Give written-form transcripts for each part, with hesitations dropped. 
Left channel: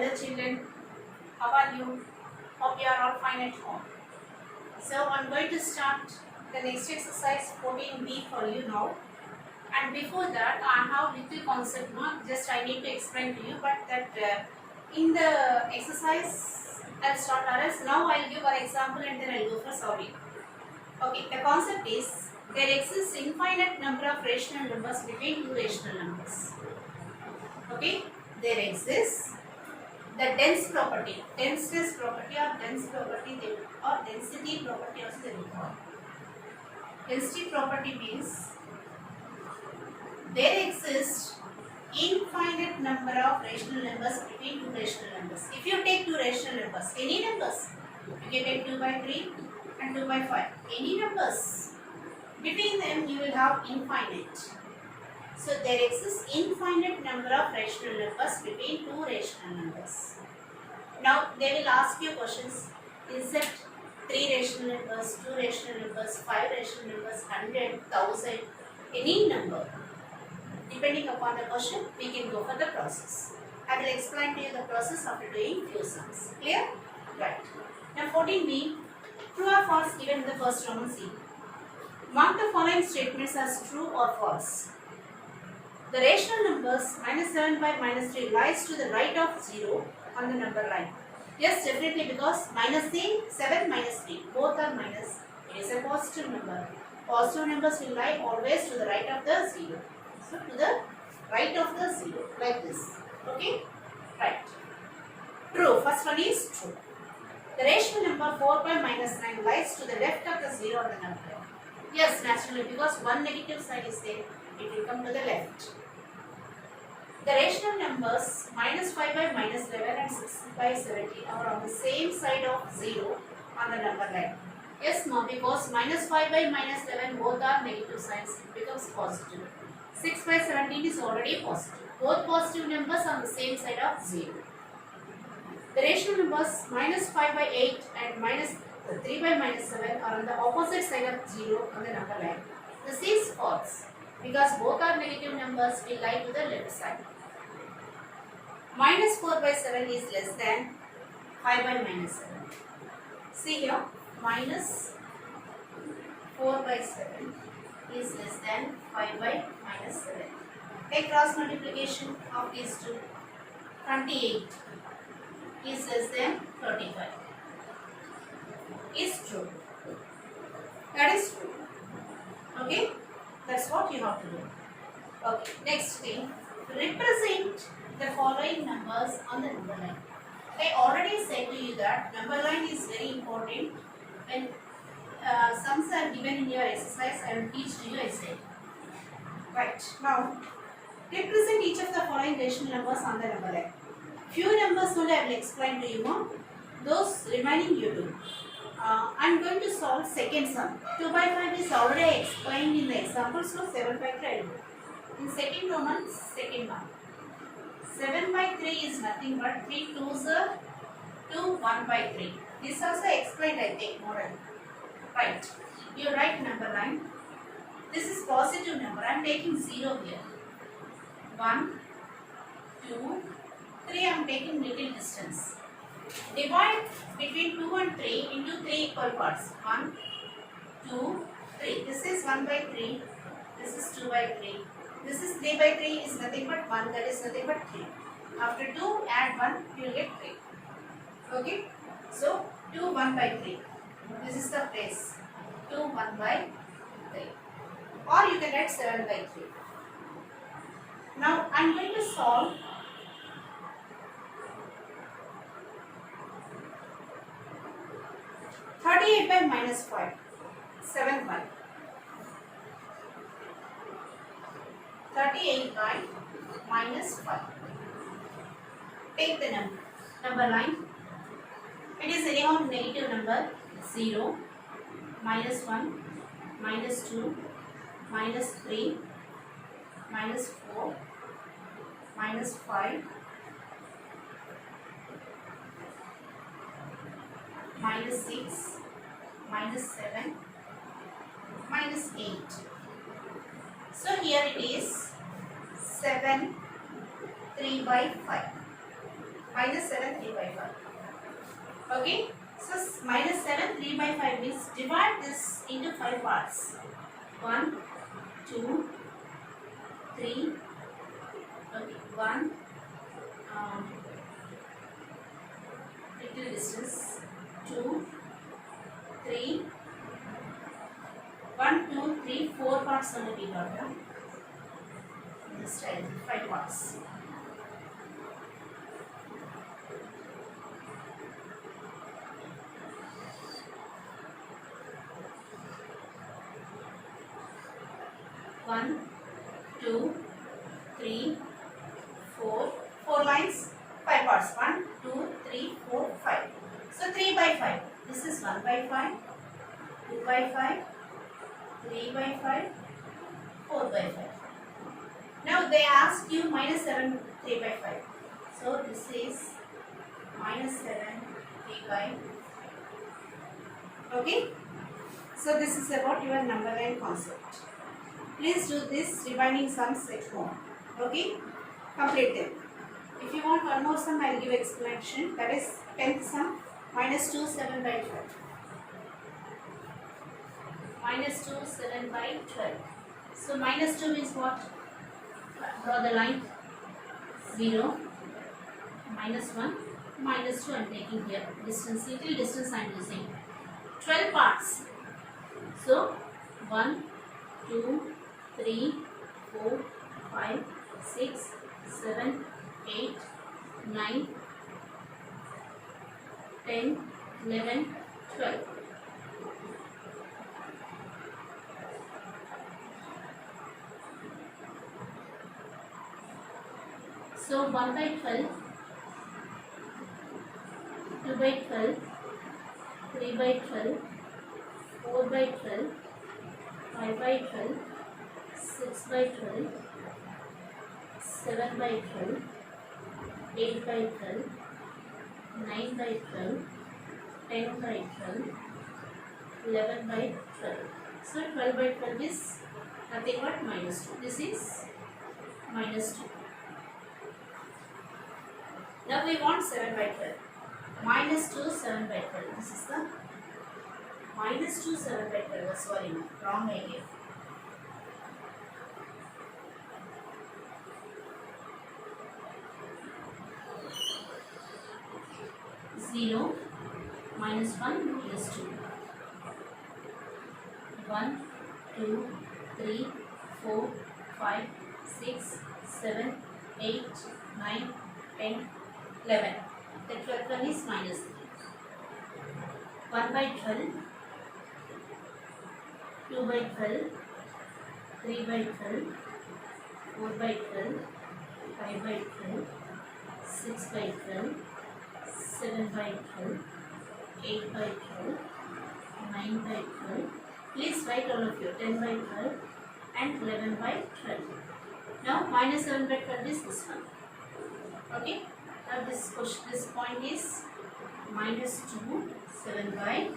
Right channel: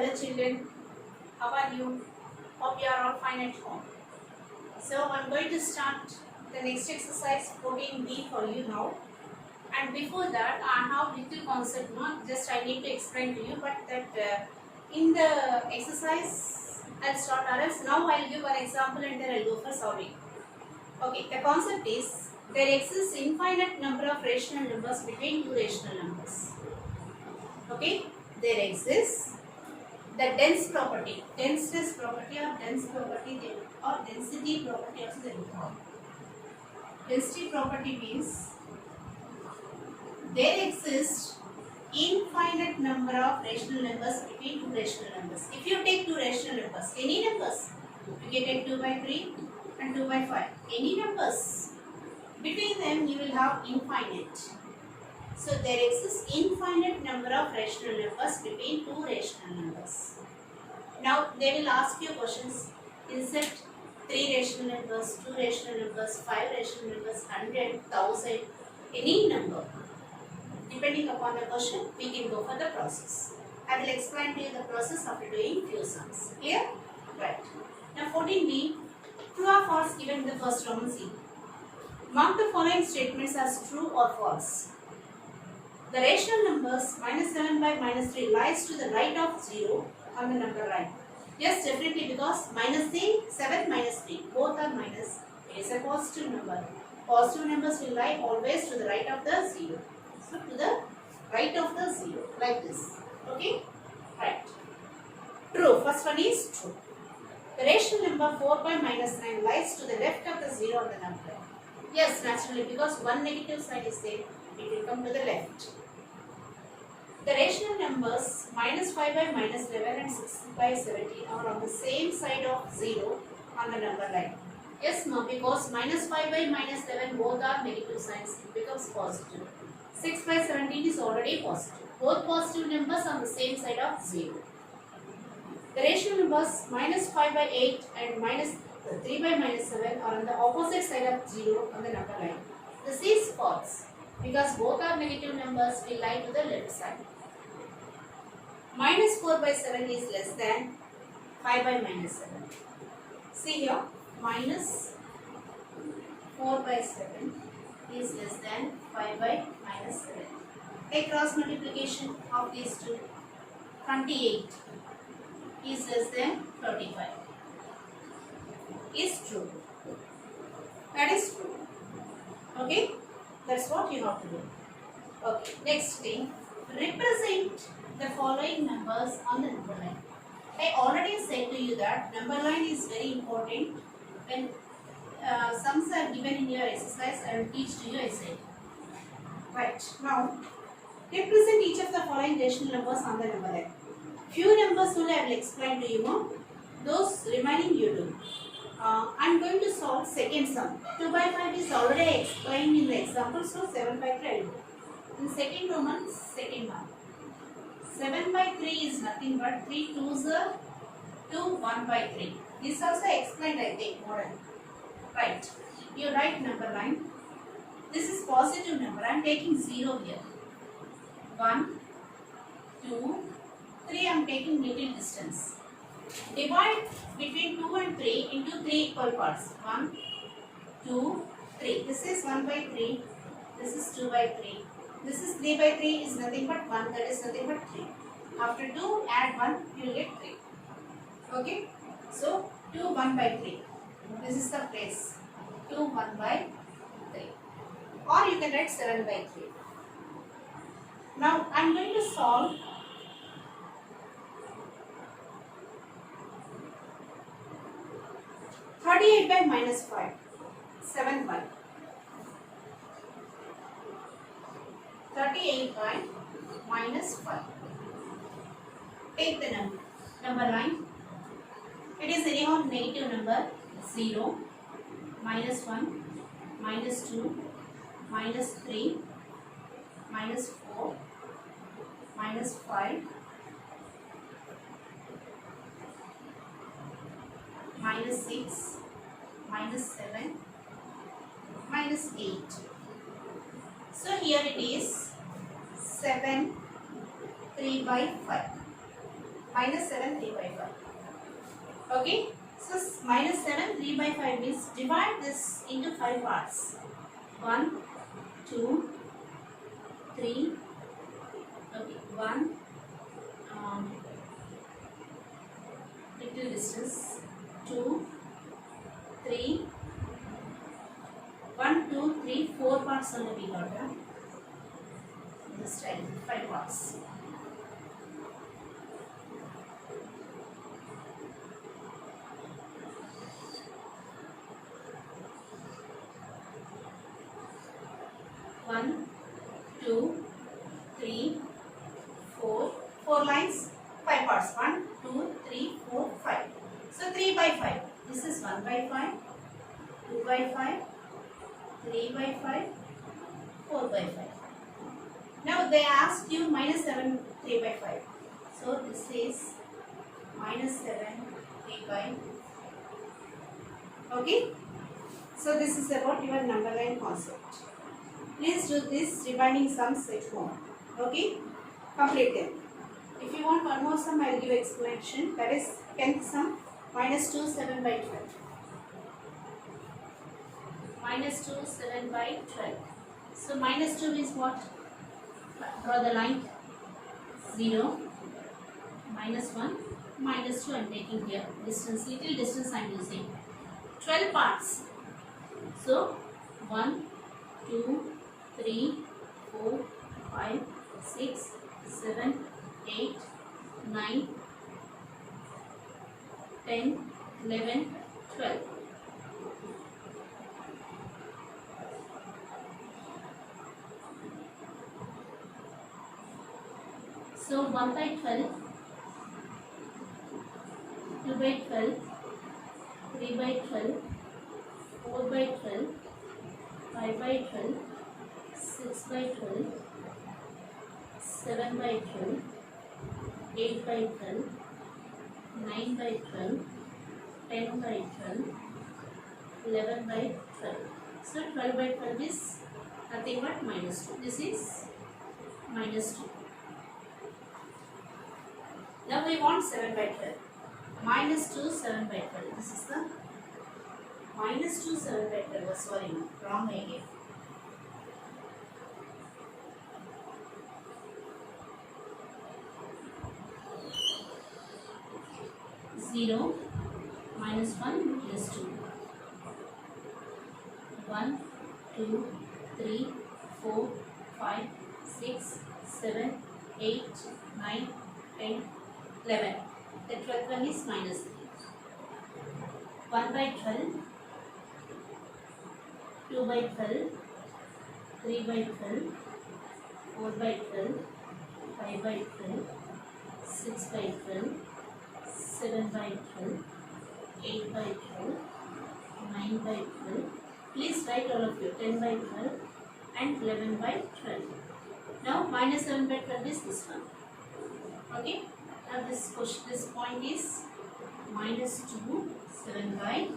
Hello children, how are you? Hope you are all fine at home. So I am going to start the next exercise 14B for you now. And before that, I have little concept, no? Just I need to explain to you, but that in the exercise I'll start or else now I'll give an example and then I'll go for solving. Okay, the concept is there exists infinite number of rational numbers between two rational numbers. Okay, there exists the dense property, denseness property or dense property or density property also they will call. Density property means there exists infinite number of rational numbers between two rational numbers. If you take two rational numbers, any numbers, you can take 2 by 3 and 2 by 5, any numbers, between them you will have infinite. So there exists infinite number of rational numbers between two rational numbers. Now they will ask you questions. Is it 3 rational numbers, 2 rational numbers, 5 rational numbers, 100, 1000, any number. Depending upon the question, we can go for the process. I will explain to you the process after doing few sums. Clear? Right. Now 14b, true or false given in the first Roman C. Mark the following statements as true or false. The rational numbers minus 7 by minus 3 lies to the right of 0 on the number line. Yes, definitely, because minus 3, 7 minus 3, both are minus. It is a positive number. Positive numbers will lie always to the right of the 0. So, to the right of the 0, like this. Okay? Right. True. First one is true. The rational number 4 by minus 9 lies to the left of the 0 on the number line. Yes, naturally, because one negative side is there, it will come to the left. The rational numbers minus 5 by minus 11 and 6 by 17 are on the same side of 0 on the number line. Yes, no, because minus 5 by minus 11 both are negative signs, it becomes positive. 6 by 17 is already positive. Both positive numbers on the same side of 0. The rational numbers minus 5 by 8 and minus 3 by minus 7 are on the opposite side of 0 on the number line. This is false, because both are negative numbers will lie to the left side. Minus 4 by 7 is less than 5 by minus 7. See here, minus 4 by 7 is less than 5 by minus 7. Take cross multiplication of these two. 28 is less than 35. Is true. That is true. Okay? That's what you have to do. Okay. Next thing. Represent the following numbers on the number line. I already said to you that number line is very important. When sums are given in your exercise, I will teach to you essay. Right. Now, represent each of the following rational numbers on the number line. Few numbers only I will explain to you now. Those remaining you do. I am going to solve second sum. 2 by 5 is already explained in the example, so 7 by 3 I will do. In second Roman, second one. 7 by 3 is nothing but 3 2s are 2, 1 by 3. This also explained, I think, more. Right. You write number line. This is positive number. I am taking 0 here. 1, 2, 3 I am taking little distance. Divide between 2 and 3 into 3 equal parts. 1, 2, 3. This is 1 by 3. This is 2 by 3. This is 3 by 3 is nothing but 1. That is nothing but 3. After 2, add 1, you will get 3. Okay. So, 2, 1 by 3. This is the place. 2, 1 by 3. Or you can write 7 by 3. Now, I am going to solve 38 by minus 5, 7 by. 38 by minus 5. Take the number line. It is anyhow negative number. 0, minus 1, minus 2, minus 3, minus 4, minus 5, minus 6, minus 7, minus 8. So here it is 7, 3 by 5. minus 7 3 by 5. Okay, so minus 7 3 by 5 means divide this into 5 parts. 1 2 3. Okay, 1 little distance, 2 3 1 2 3 4 parts on the B order. This time 5 parts. One, two, three, four. 4 lines, 5 parts. 1, 2, 3, 4, 5. So 3 by 5. This is 1 by 5, 2 by 5, 3 by 5, 4 by 5. Now they asked you minus 7 3 by 5. So this is minus 7 3 by. Okay. So this is about your number line concept. Please do this remaining sums at home. Okay. Complete them. If you want one more sum, I will give explanation. That is 10th sum, minus 2 7 by 12. Minus 2 7 by 12. So minus 2 is what? Draw the line. 0, minus 1, minus 2 I am taking here. Distance, little distance I am using. 12 parts. So 1, 2, 3, 4, 5, 6, 7, 8, 9, 10, 11, 12. So 1 by 12, 2 by 12, 3 by 12, 4 by 12, 5 by 12, 6 by 12, 7 by 12, 8 by 12, 9 by 12, 10 by 12, 11 by 12. So 12 by 12 is nothing but minus 2. This is minus 2. Now we want 7 by 12. Minus 2 7 by 12. This is the minus 2 7 by 12. Sorry, no, wrong again. Zero minus 1 plus 2. 1, 2, 3, 4, 5, 6, 7, 8, 9, 10, 11. The 12th one is minus 3. 1 by 12, 2 by 12, 3 by 12, 4 by 12, 5 by 12, 6 by 12, 7 by 12, 8 by 12, 9 by 12. Please write all of you 10 by 12 and 11 by 12. Now minus 7 by 12 is this one. Okay. Now this point is minus 2 7 by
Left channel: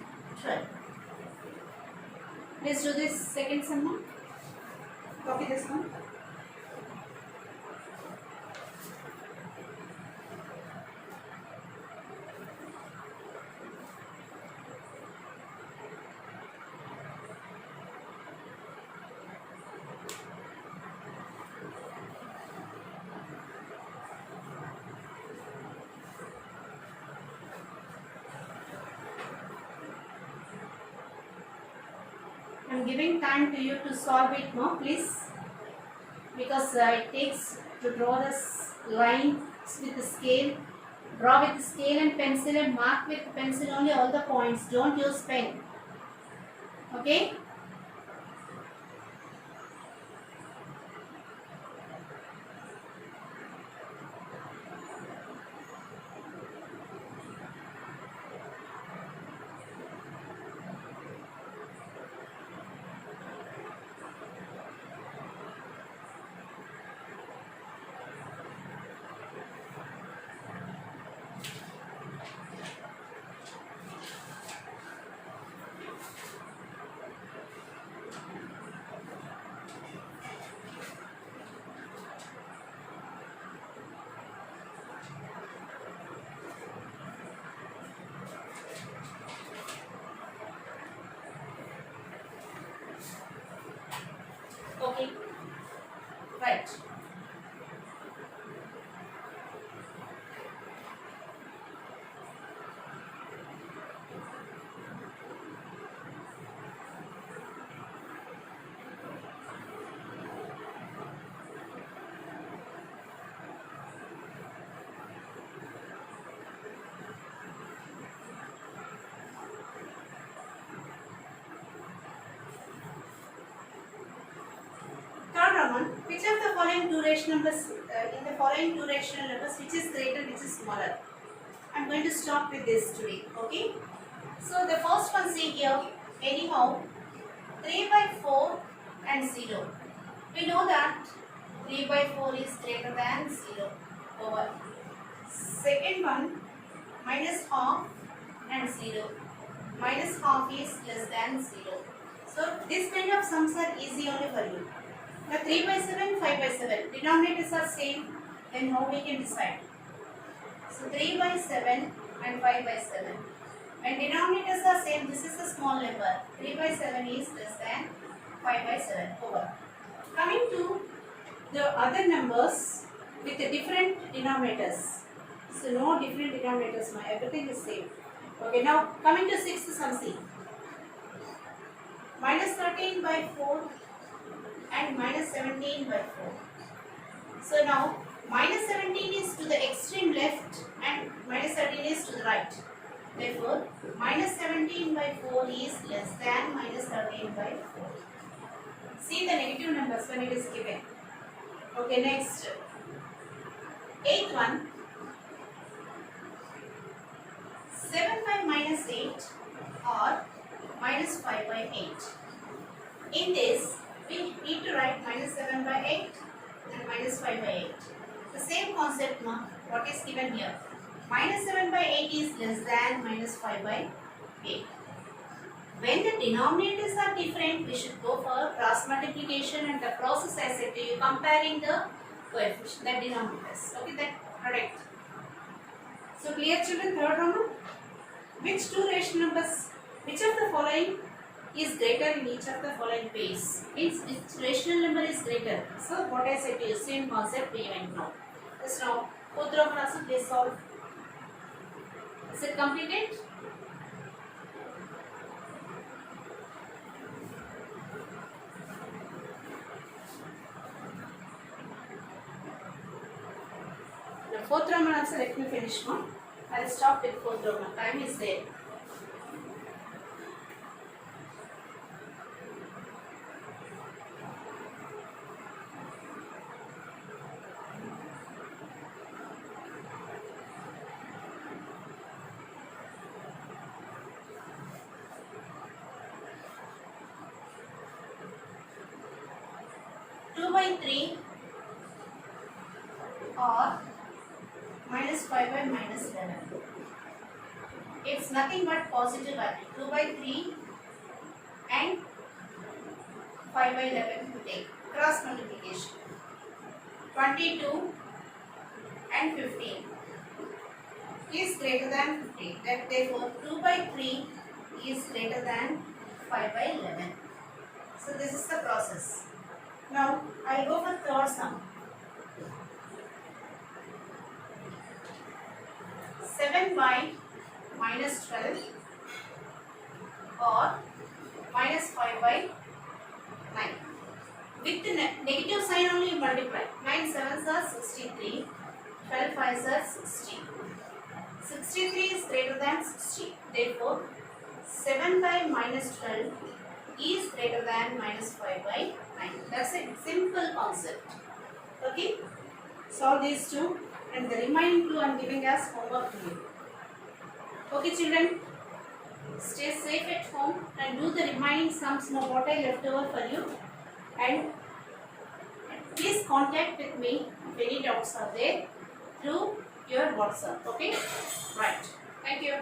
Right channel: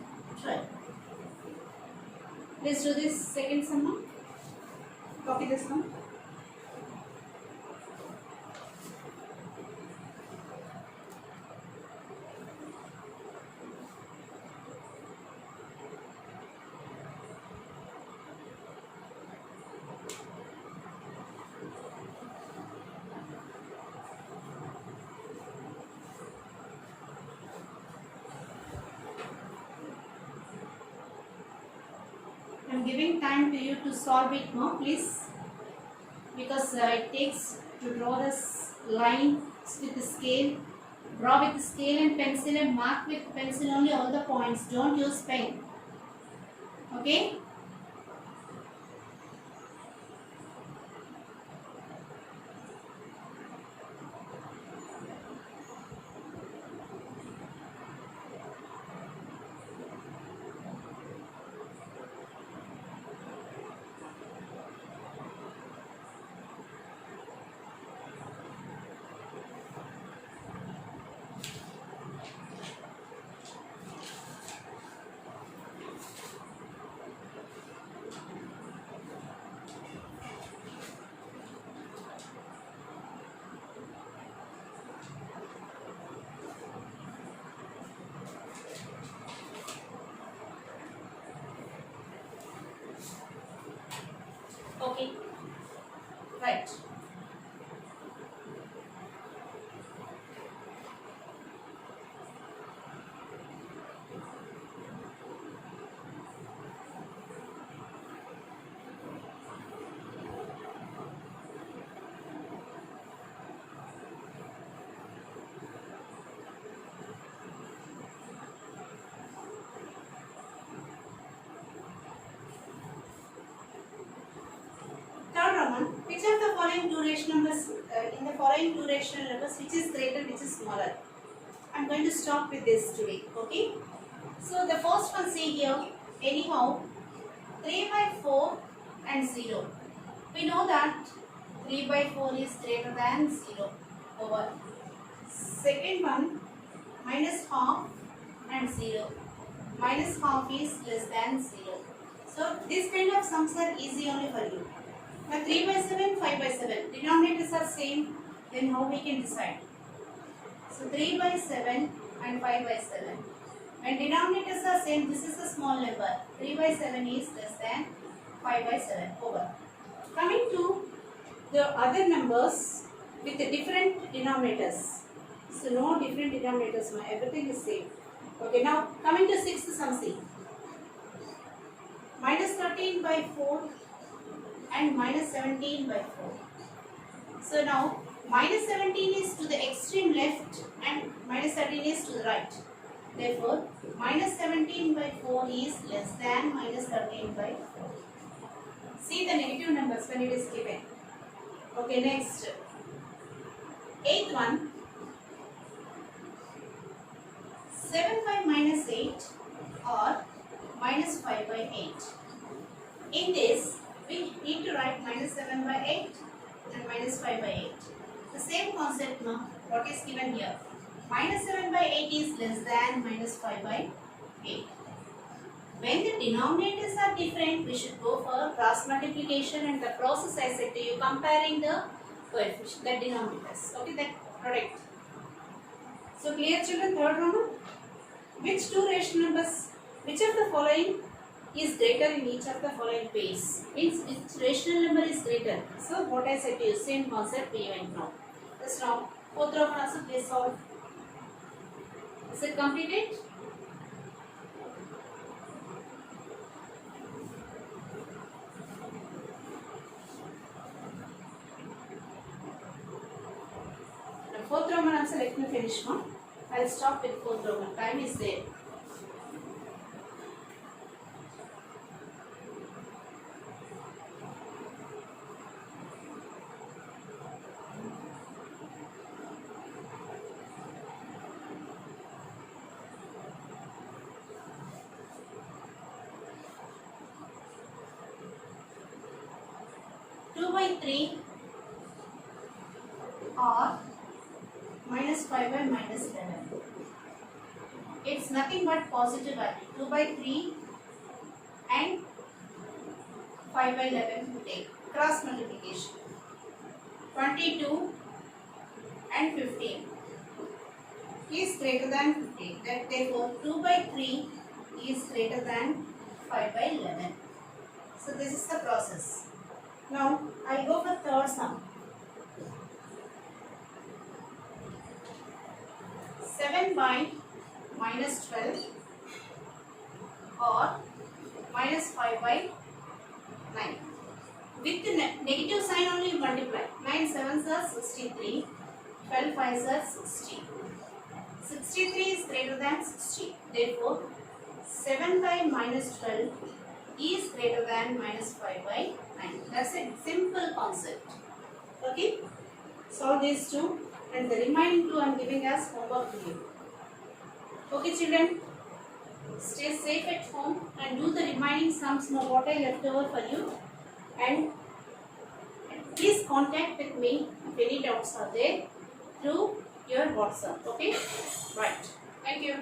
12. Let's do this second sum now. Copy this one. I am giving time to you to solve it more, please, because it takes to draw this line with the scale. Draw with the scale and pencil and mark with pencil only all the points. Don't use pen. Okay? Right. Third Roman, which of the following two rational numbers in the following two rational numbers, which is greater, which is smaller? I'm going to stop with this today. Okay. So the first one, see here. Anyhow, 3 by 4 and 0. We know that 3 by 4 is greater than 0 over. Second one, minus half and 0. Minus half is less than 0. So this kind of sums are easy only for you. Now 3 by 7, 5 by 7. Denominators are same. Then how we can decide? So 3 by 7 and 5 by 7. When denominators are same, this is a small number. 3 by 7 is less than 5 by 7 over. Coming to the other numbers with the different denominators. So no different denominators, everything is same. Okay, now coming to sixth sum, see. Minus 13 by 4 and minus 17 by 4. So now minus 17 is to the extreme left and minus 13 is to the right. Therefore, minus 17 by 4 is less than minus 13 by 4. See the negative numbers when it is given. Okay, next. Eighth one. 7 by minus 8 or minus 5 by 8. In this, we need to write minus 7 by 8 and minus 5 by 8. The same concept now, what is given here. Minus 7 by 8 is less than minus 5 by 8. When the denominators are different, we should go for cross multiplication, and the process I said to you, comparing the coefficient, the denominators. Okay, that product. So clear children, third Roman? Which two rational numbers, which of the following is greater in each of the following ways? Means which rational number is greater. So what I said to you, same concept we went now. Just now, fourth Roman also please solve. Is it completed? The fourth Roman also let me finish one. I will stop with fourth Roman. Time is there. By 3 or minus 5 by minus 11. It's nothing but positive value. 2 by 3 and 5 by 11 to take. Cross multiplication. 22 and 15 is greater than 15. That therefore 2 by 3 is greater than 5 by 11. So this is the process. Now, I will go for third sum. 7 by minus 12 or minus 5 by 9. With the negative sign only multiply. 9 sevens are 63, 12 fives are 60. 63 is greater than 60. Therefore, 7 by minus 12 is greater than minus 5 by 9. That's a simple concept. Okay? Solve these two, and the remaining two I am giving as homework to you. Okay children? Stay safe at home and do the remaining sums now what I left over for you, and please contact with me if any doubts are there through your WhatsApp. Okay? Right. Thank you.